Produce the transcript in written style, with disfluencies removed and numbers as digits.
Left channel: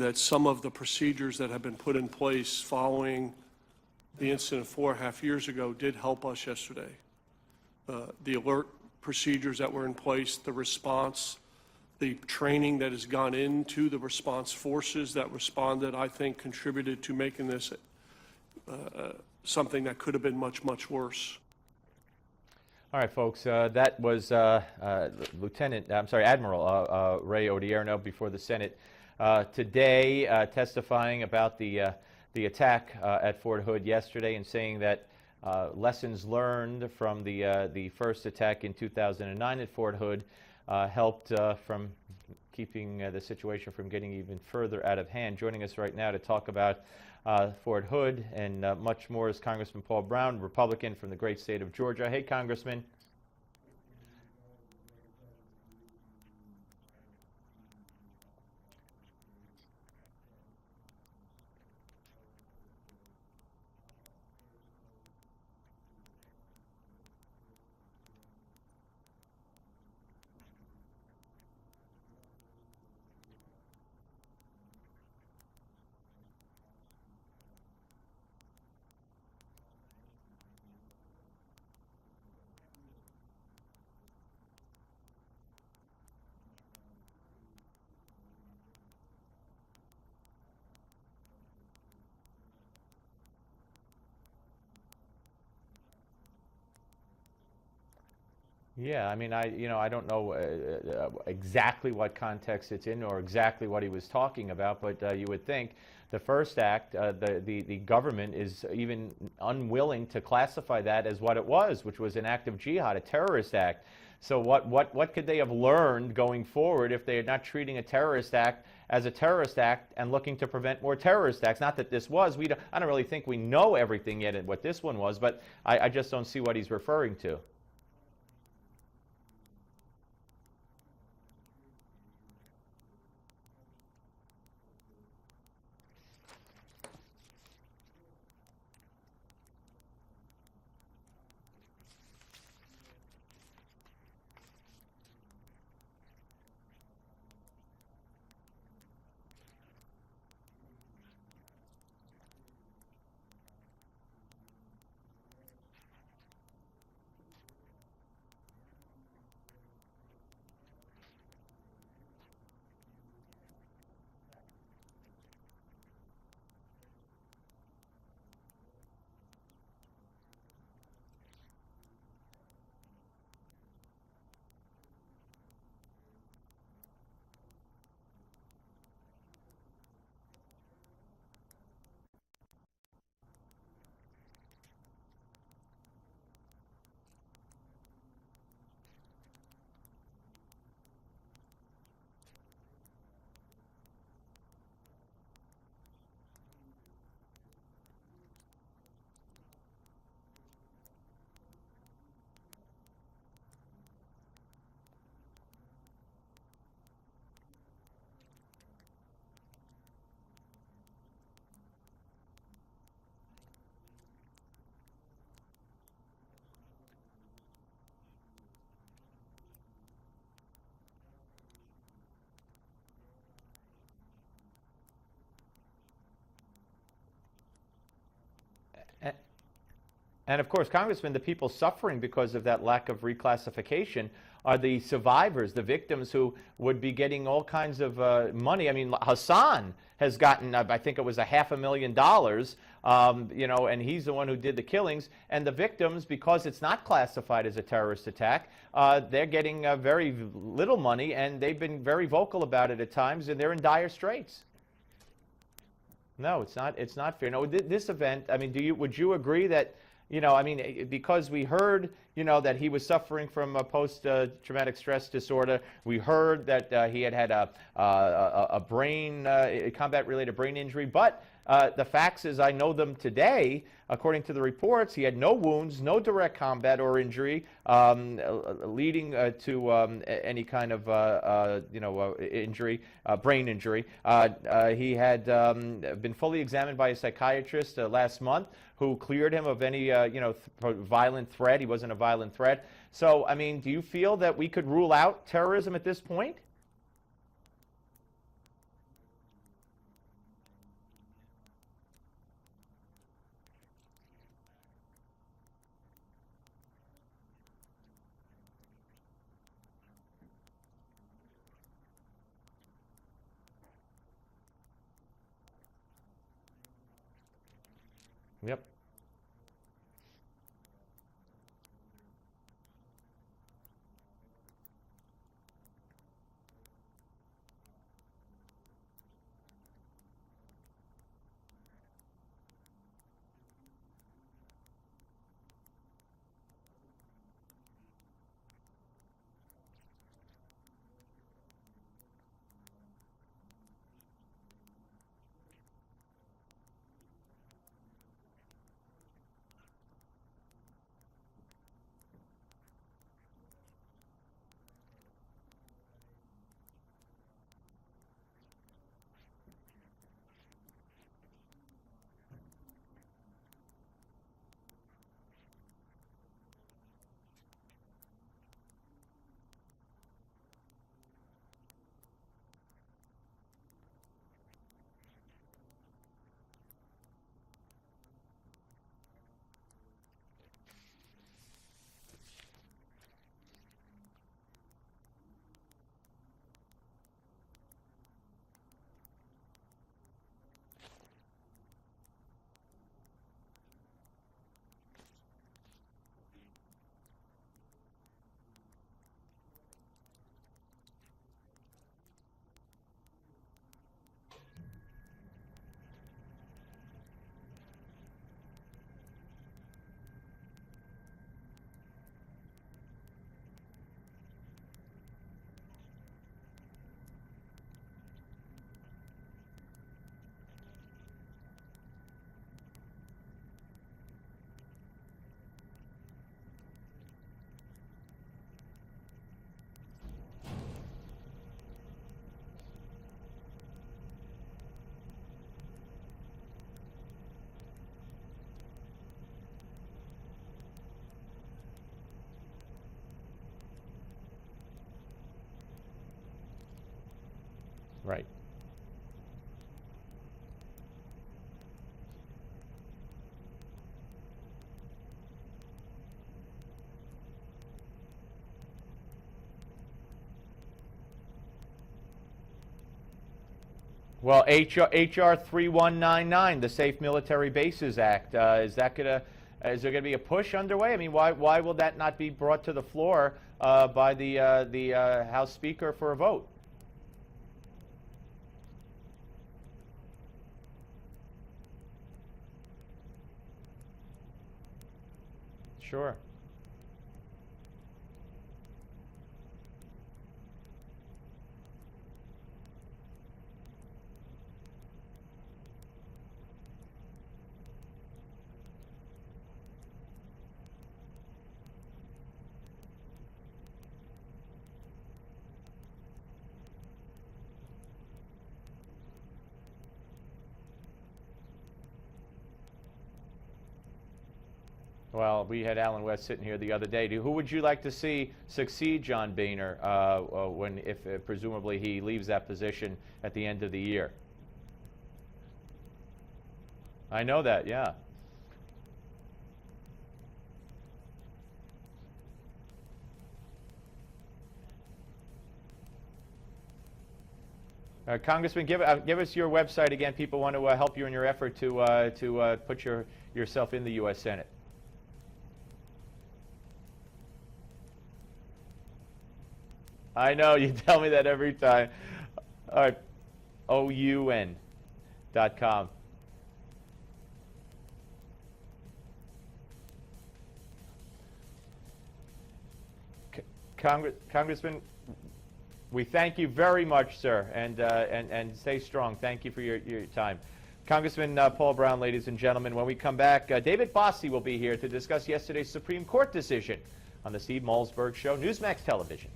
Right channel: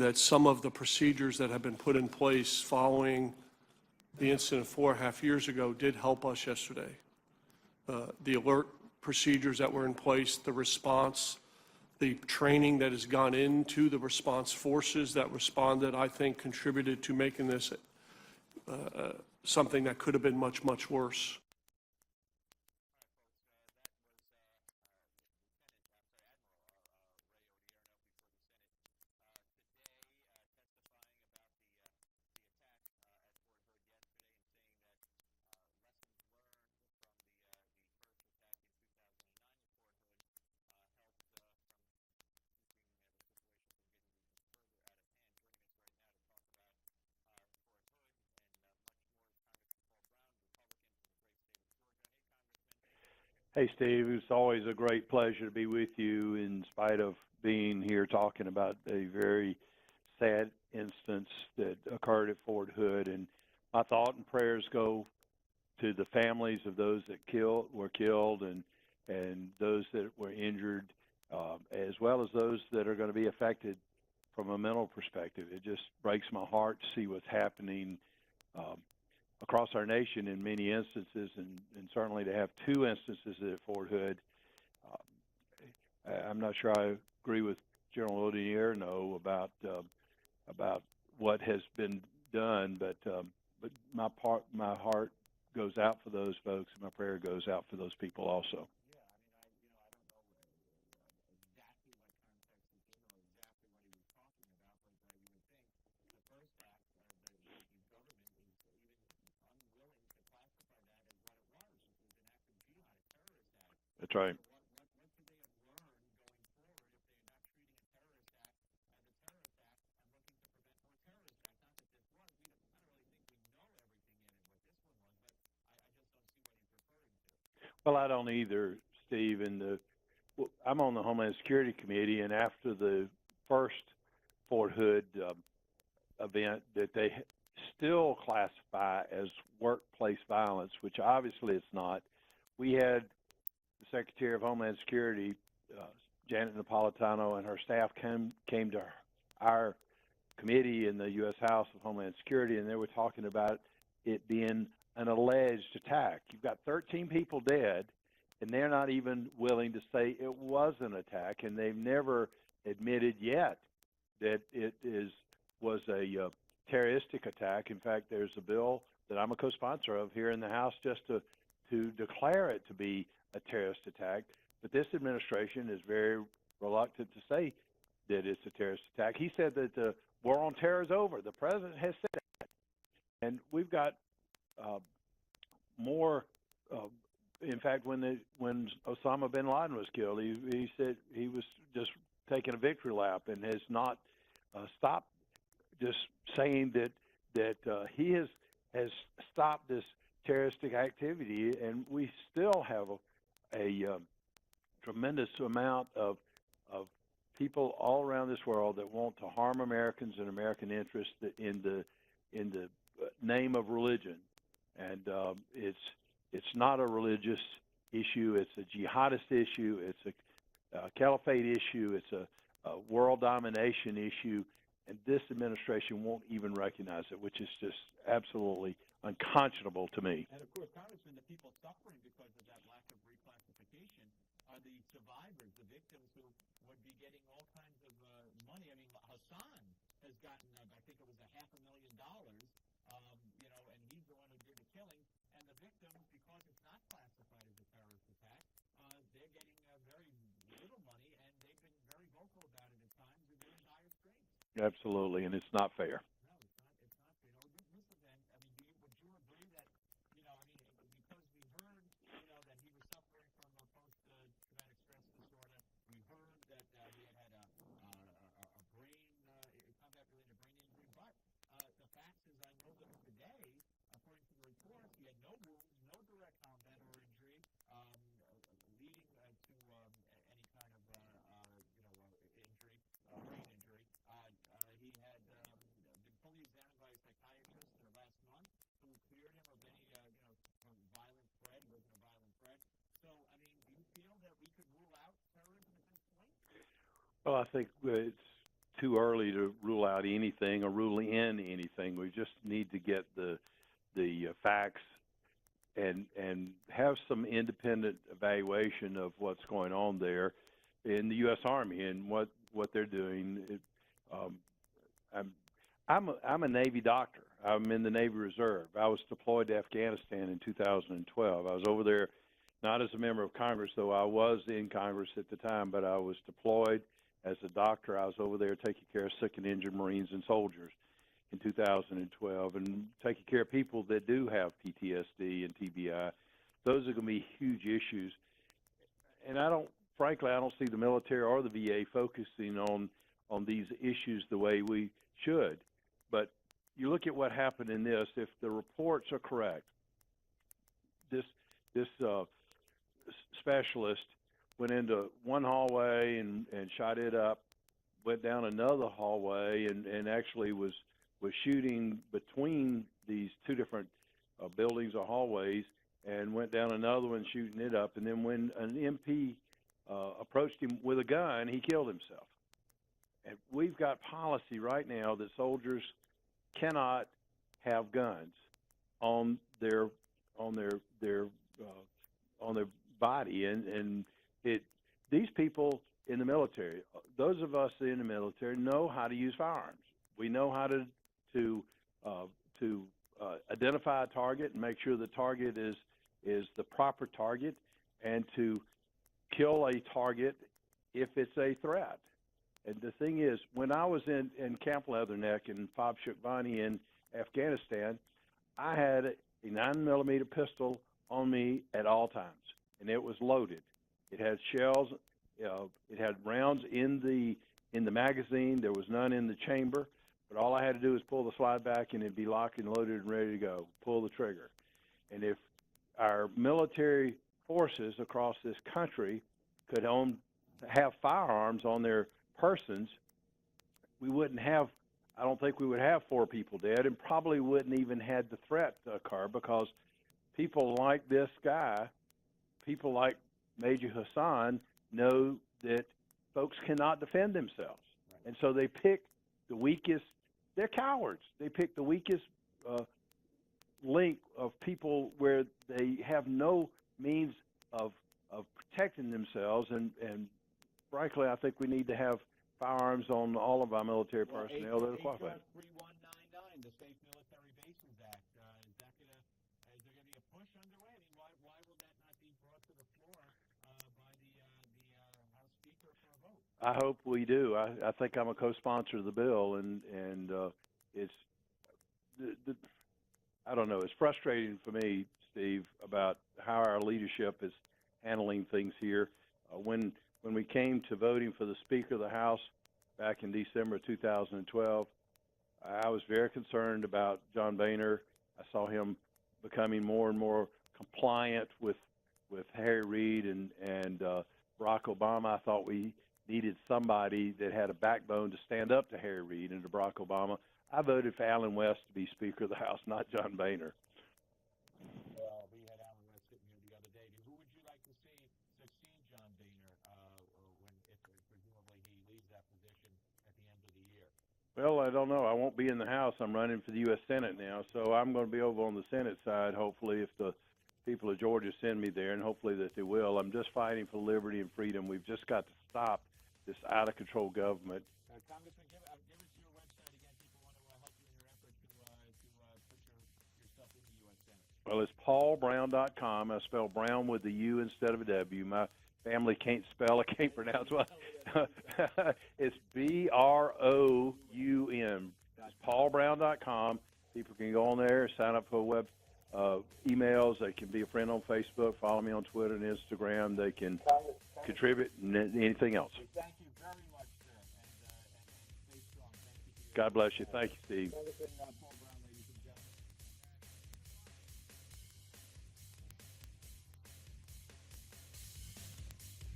that some of the procedures that have been put in place following the incident 4.5 years ago did help us yesterday. The alert procedures that were in place, the response, the training that has gone into the response forces that responded, I think contributed to making this something that could have been much, much worse. All right, folks, that was Admiral Ray Odierno before the Senate today, testifying about the attack at Fort Hood yesterday and saying that lessons learned from the first attack in 2009 at Fort Hood helped from keeping the situation from getting even further out of hand. Joining us right now to talk about Fort Hood and much more is Congressman Paul Broun, Republican from the great state of Georgia. Hey, Congressman. Hey, Steve. It's always a great pleasure to be with you in spite of being here talking about a very sad instance that occurred at Fort Hood. And my thought and prayers go to the families of those that were killed and those that were injured, as well as those that are going to be affected from a mental perspective. It just breaks my heart to see what's happening across our nation in many instances, and certainly to have two instances at Fort Hood. I'm not sure I agree with General Odierno about what has been done, but my heart goes out for those folks, and my prayer goes out for those people also. Yeah, I mean, I don't know exactly what context it's in or exactly what he was talking about, but you would think the first act, the government is even unwilling to classify that as what it was, which was an act of jihad, a terrorist act. That's right. So what could they have learned going forward if they are not treating a terrorist act as a terrorist act and looking to prevent more terrorist acts? Not that this was. I don't really think we know everything yet at what this one was, but I just don't see what he's referring to. Well, I don't either, Steve. I'm on the Homeland Security Committee, and after the first Fort Hood event that they still classify as workplace violence, which obviously it's not, we had the Secretary of Homeland Security, Janet Napolitano, and her staff came to our committee in the U.S. House of Homeland Security, and they were talking about it being an alleged attack. You've got 13 people dead, and they're not even willing to say it was an attack, and they've never admitted yet that it was a terroristic attack. In fact, there's a bill that I'm a co-sponsor of here in the House just to declare it to be a terrorist attack. But this administration is very reluctant to say that it's a terrorist attack. He said that the war on terror is over. The president has said that. And we've got more. In fact, when Osama bin Laden was killed, he said he was just taking a victory lap and has not stopped just saying that he has stopped this terroristic activity, and we still have a tremendous amount of people all around this world that want to harm Americans and American interests in the name of religion. And it's not a religious issue. It's a jihadist issue. It's a caliphate issue. It's a world domination issue. And this administration won't even recognize it, which is just absolutely unconscionable to me. And of course, Congressman, the people suffering because of that lack of reclassification are the survivors, the victims who would be getting all kinds of money. I mean, Hassan has gotten, I think it was $500,000, you know, and he's the one who did the killings. And the victims, because it's not classified as a terrorist attack, they're getting very little money, and they've been very vocal about it at times, and they're in dire straits. Absolutely, and it's not fair. No, it's not. It's not fair. No, this event. I mean, would you agree that, you know, I mean, because we heard, you know, that he was suffering from a post-traumatic stress disorder. We heard that he had a brain, combat-related brain injury. But the facts, as I know them today, according to the reports, he had no wounds, no direct combat or injury leading to any kind of, you know, injury, brain injury. He had been fully examined by a psychiatrist last month, who cleared him of any, you know, violent threat. He wasn't a violent threat. So, I mean, do you feel that we could rule out terrorism at this point? Well, I think it's too early to rule out anything or rule in anything. We just need to get the facts and have some independent evaluation of what's going on there in the U.S. Army and what they're doing. I'm a Navy doctor. I'm in the Navy Reserve. Yep. I was deployed to Afghanistan in 2012. I was over there not as a member of Congress, though I was in Congress at the time, but I was deployed as a doctor. I was over there taking care of sick and injured Marines and soldiers in 2012 and taking care of people that do have PTSD and TBI. Those are going to be huge issues. And frankly, I don't see the military or the VA focusing on these issues the way we should. But you look at what happened in this, if the reports are correct, this specialist went into one hallway and shot it up, went down another hallway and actually was shooting between these two different buildings or hallways, and went down another one shooting it up. And then when an MP approached him with a gun, he killed himself. And we've got policy right now that soldiers cannot have guns on their body, and these people in the military, those of us in the military, know how to use firearms. We know how to identify a target and make sure the target is the proper target, and to kill a target if it's a threat. And the thing is, when I was in Camp Leatherneck and Fob Shukbani in Afghanistan, I had a 9mm pistol on me at all times, and it was loaded. It had shells, it had rounds in the magazine. There was none in the chamber, but all I had to do was pull the slide back, and it'd be locked and loaded and ready to go. Pull the trigger. And if our military forces across this country could have firearms on their persons, I don't think we would have 4 people dead, and probably wouldn't even had the threat occur, because people like this guy, people like Major Hassan, know that folks cannot defend themselves. Right. And so they pick the weakest. They're cowards. They pick the weakest link of people where they have no means of protecting themselves, and frankly, I think we need to have firearms on all of our military. Well, personnel. HR 3199, the Safe Military Bases Act, is there going to be a push underway? I mean, why will that not be brought to the floor by the House Speaker for a vote? I hope we do. I think I'm a co-sponsor of the bill, and it's I don't know. It's frustrating for me, Steve, Sure. about how our leadership is handling things here. When we came to voting for the Speaker of the House back in December of 2012, I was very concerned about John Boehner. I saw him becoming more and more compliant with Harry Reid and Barack Obama. I thought we needed somebody that had a backbone to stand up to Harry Reid and to Barack Obama. I voted for Alan West to be Speaker of the House, not John Boehner. Well, we had Alan West sitting here the other day. Who would you like to see succeed John Boehner if presumably he leaves that position at the end of the year? Well, I don't know. I won't be in the House. I'm running for the U.S. Senate. I know that, yeah. So I'm going to be over on the Senate side, hopefully, if the people of Georgia send me there, and hopefully that they will. I'm just fighting for liberty and freedom. We've just got to stop this out-of-control government. Congressman, give us your website again. People want to help you in your effort to put yourself in the U.S. Senate. Well, it's paulbroun.com. I spell Brown with a U instead of a W. My family can't spell. I know, you tell me that every time. It's BROUN.com. Paulbroun.com. People can go on there, sign up for web emails. They can be a friend on Facebook, follow me on Twitter and Instagram. They can contribute anything else. We thank you very much, sir, and stay strong. Thank you for your God bless time. you. Thank you, Steve. Congressman Paul Broun, ladies and gentlemen. When we come back, David Fossey will be here to discuss yesterday's Supreme Court decision on the Steve Malzberg Show, Newsmax Television.